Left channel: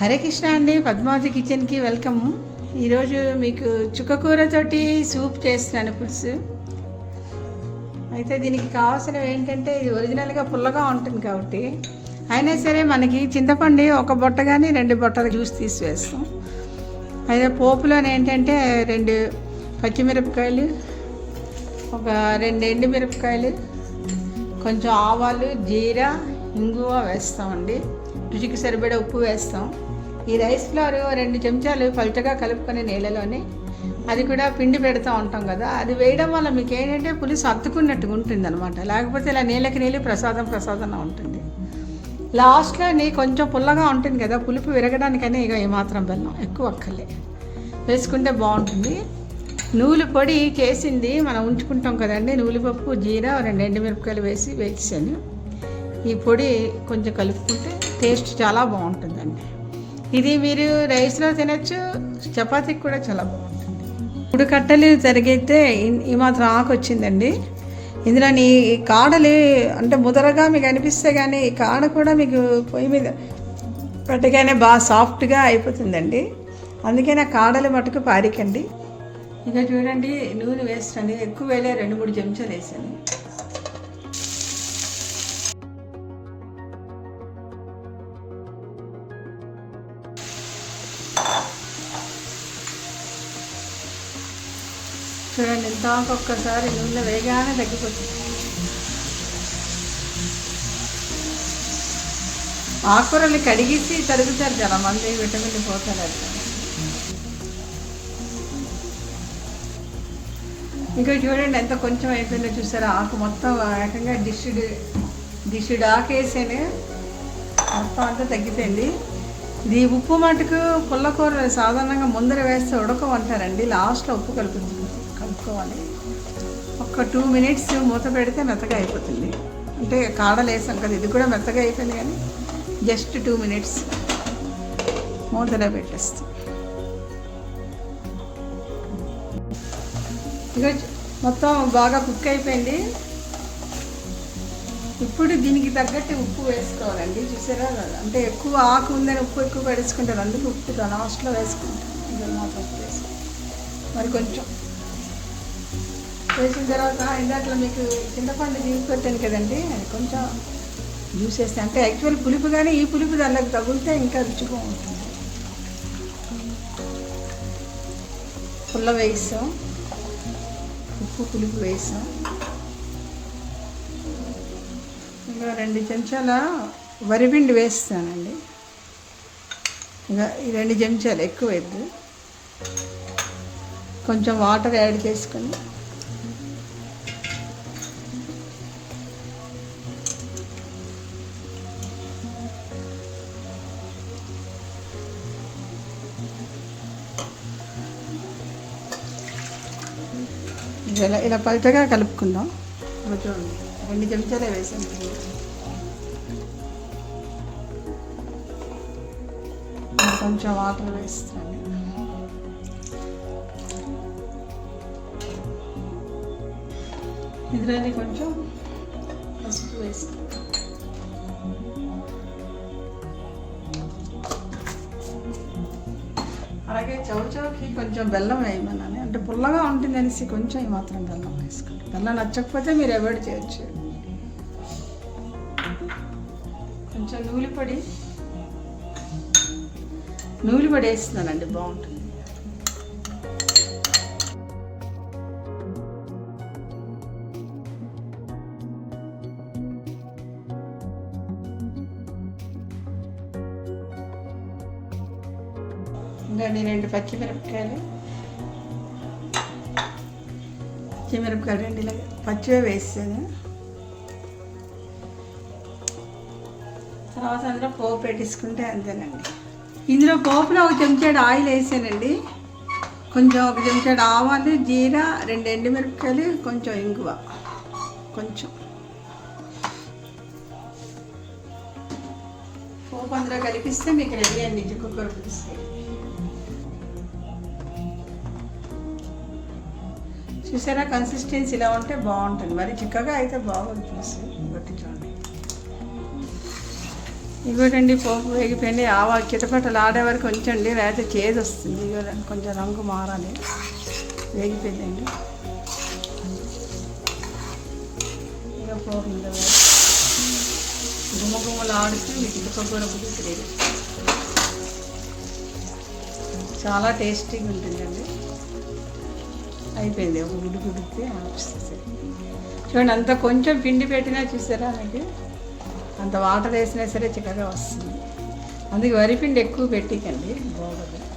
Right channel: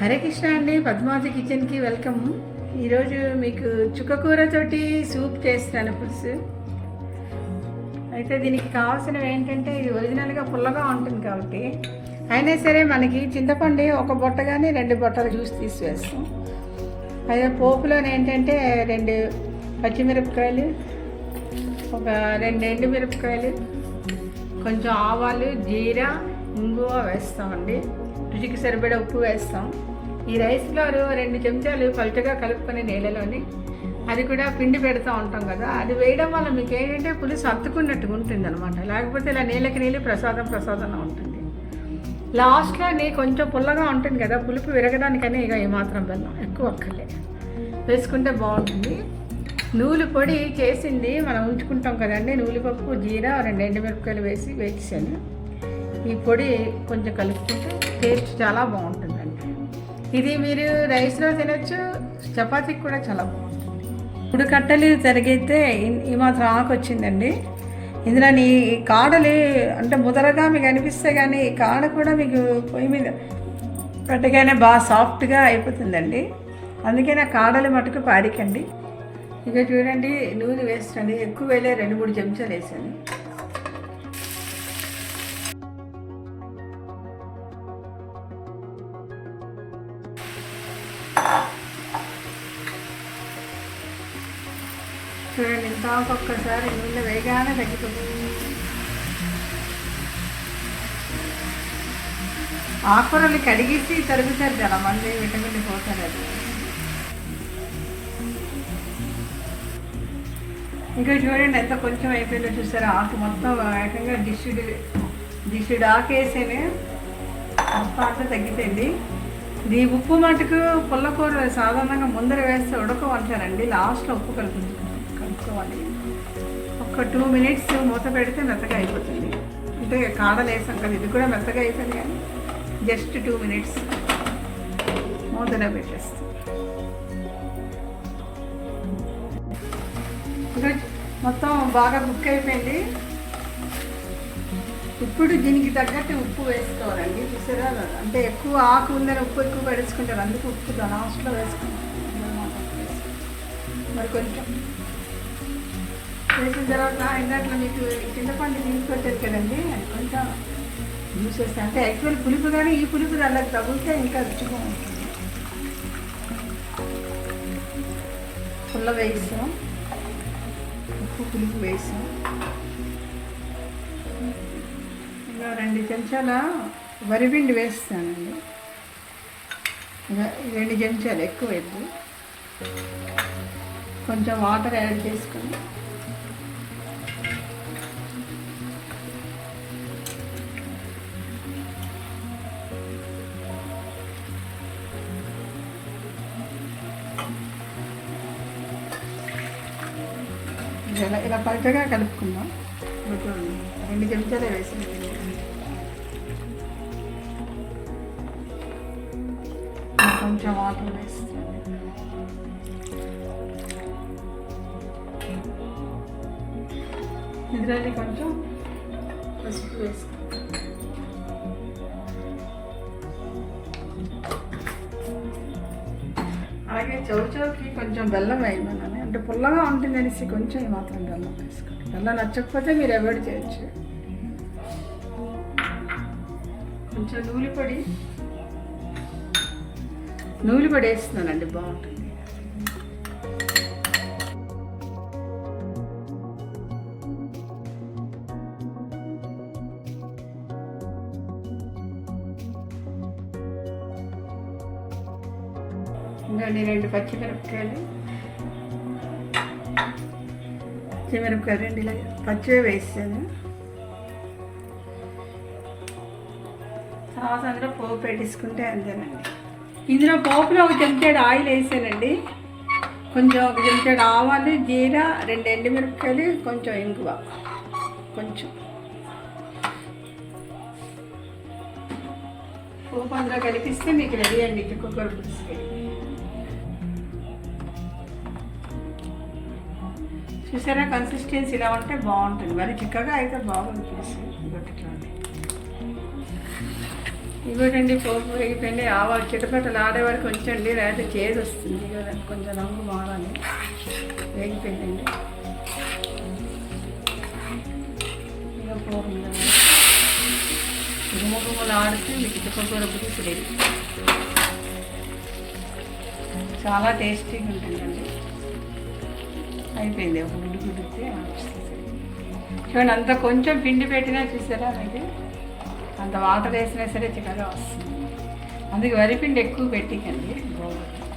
హరే కృష్ణ అండి, పద్మావతి కిచెన్కి వెల్కమ్. ఈరోజు మీకు చుక్కకూరతోటి సూప్ చేస్తున్నాను, పులుసు. అయితే దీనికి కావాల్సినవి ఏంటంటే, ఇది ఒరిజినల్గా పుల్లగా ఉంటుంది కాబట్టి అయినా సరే మనకి చింతపండు ఒక బొట్ట కానీ 2 బొట్టలు జ్యూస్ తీసి వేస్తాం. అయితే పోపులోనే ఏంటంటే 2 పచ్చిమిరపకాయలు, ఒక 2 ఎండుమిరపకాయలు, కొంచెం ఆవాలు, జీరా, ఇంగువ వేస్తామండి. రుచికి సరిపడే ఉప్పు వేస్తాం. ఈ రైస్ ఫ్లవర్ 2 చెంచాలు పల్చగా కలుపుకొని నీళ్ళలోనే, అది కూడా పిండి పెడతా ఉంటాం కదా, అది వేయడం వల్ల మీకు ఏంటంటే పులుసు అత్తుకున్నట్టుగా ఉంటుంది అనమాట. లేకపోతే ఇలా నీళ్ళకి నీళ్ళు ప్రసాదంగా ఉంటుంది. లాస్ట్లో కొంచెం పుల్లగా ఉంటుంది కదా, పులుపు విరగడానికనే ఇక ఏమాత్రం బెల్లం ఎక్కువ అక్కర్లే వేసుకుంటే బాగుంటుంది. నూలు పొడి చేసింది మనం ఉంచుకుంటాం కదండి, నూలుపప్పు, జీరా, 2 ఎండుమిరపకాయలు వేసాను. ఈ పొడి కొంచెం కలుపుకుంటే టేస్ట్ చాలా బాగుంటుందండి. ఇది మీరు రైస్లో తినచ్చు, చపాతీకి కూడా చాలా బాగుంటుంది. 3 కట్టలు తరిగితే ఈ మాత్రం ఆకు వచ్చిందండి. ఇందులో కాడలు అంటే ముదరగా మీకు అనిపిస్తే కానీ ఈ కాడ కూడా మీకు పొయ్యి మీద పెట్టగానే బాగా సాఫ్ట్గా అయిపోతుందండి. అందుకే నా కాడలు మటుకు పారికండి. ఇక చూడండి, నూనె వేస్తాను, ఎక్కువ వేలే 2-3 చెంచాలు వేసాను. చూడండి, ఇంత ఒక్కసారి నూనె వేగానే తగ్గిపోతుంది. ఆకుకూరలు కడిగేసి తరుగుతారు చాలా మంది, విటమిన్ పోతారు. ఇంకా చూడండి ఎంత కొంచెం అయిపోయిందో చూసారా, ఆకు మొత్తం ఏకంగా డిష్డ్ ఆకు వేసేనే మొత్తం అంతా తగ్గిపోయింది. ఇది ఉప్పు మటుకు పుల్లకూర సాధారణంగా ముందర వేస్తే ఉడకమంటారండి, లాస్ట్లో ఉప్పు కలుపుకోవాలి. ఒక 2 మినిట్స్ మూత పెడితే మెత్తగా అయిపోతుంది. అంటే కాడలు వేసాం కదా, ఇది కూడా మెత్తగా అయిపోయింది, కానీ జస్ట్ 2 మినిట్స్ మూతలో పెట్టేస్తాం. ఇంకా మొత్తం బాగా కుక్ అయిపోయింది. ఇప్పుడు దీనికి తగ్గట్టు ఉప్పు వేసుకోవాలండి. చూసారా, అంటే ఎక్కువ ఆకు ఉందని ఉప్పు ఎక్కువ పడేసుకుంటారు, అందుకు ఉప్పు లాస్ట్లో వేసుకుంటాం. మరి కొంచెం వేసిన తర్వాత ఇందాక మీకు చింతపండు జ్యూస్ పెట్టాను కదండి, అది కొంచెం జ్యూస్ వేస్తాను. అంటే యాక్చువల్ పులుపు, కానీ ఈ పులుపు దానికి తగిలితే ఇంకా రుచిగా ఉంటుంది. పుల్ల వేస్తాం, ఉప్పు పులుపు వేసాం. ఇంకా 2 చెంచాల వరిపిండి వేస్తానండి. ఇంకా 2 చెంచాలు, ఎక్కువ వేద్దు. కొంచెం వాటర్ యాడ్ చేసుకొని ఇలా పల్చగా కలుపుకుందాం. 2 చెంచాలే వేసాను. కొంచెం వాటర్ వేస్తాను. ఇందులోనే కొంచెం పసుపు వేస్తాను. అలాగే చౌచౌకి కొంచెం బెల్లం వేయమన్నాను, అంటే పుల్లగా ఉంటుంది అనేసి కొంచెం మాత్రం బెల్లం వేసుకోండి. బెల్లం నచ్చకపోతే మీరు అవాయిడ్ చేయొచ్చు. కొంచెం నూనె పొడి వేస్తున్నానండి, బాగుంటుంది. ఇంకా 2 పచ్చిమిరపకాయలు 2 ఇలా పచ్చివే వేసాను. తర్వాత అందులో పోపు పెట్టేసుకుంటే అంతేనండి. ఇందులో పోపులో 1 చెంచాడు ఆయిల్ వేసానండి. కొంచెం 1 చెంచాడు ఆవాలు, జీరా, 2 ఎండుమిరపకాయలు, కొంచెం ఇంగువ, కొంచెం పోపు అందులో కలిపిస్తే మీకు రెడీ అండి చుక్కకూర పులుసు. చూసారా, కన్సిస్టెన్సీ ఇలా ఉంటే బాగుంటుంది, మరి చిక్కగా అయితే బాగుంది పులుసు. ఇంకోటండి పోపు వేగిపోయింది. చిటపటలు ఆడే వరకు ఉంచండి, లేకపోతే చేదు వస్తుంది. ఇవ్వదండి కొంచెం రంగు మారాలి. వేగిపోయిందండి. ఇక పోపులో గుమ్మగుమ్మలు ఆడుతూ మీకు చుక్కకూర పులుసు రెడీ. చాలా టేస్టీగా ఉంటుందండి. అయిపోయింది. ఒక గుడ్డు గుడ్డితే చూడండి, అంత కొంచెం పిండి పెట్టినా చూసారా మీకు, అంత వాటర్ వేసినా సరే చిక్కగా వస్తుంది. అందుకే వరిపిండి ఎక్కువ పెట్టికండి బాగుంటుంది.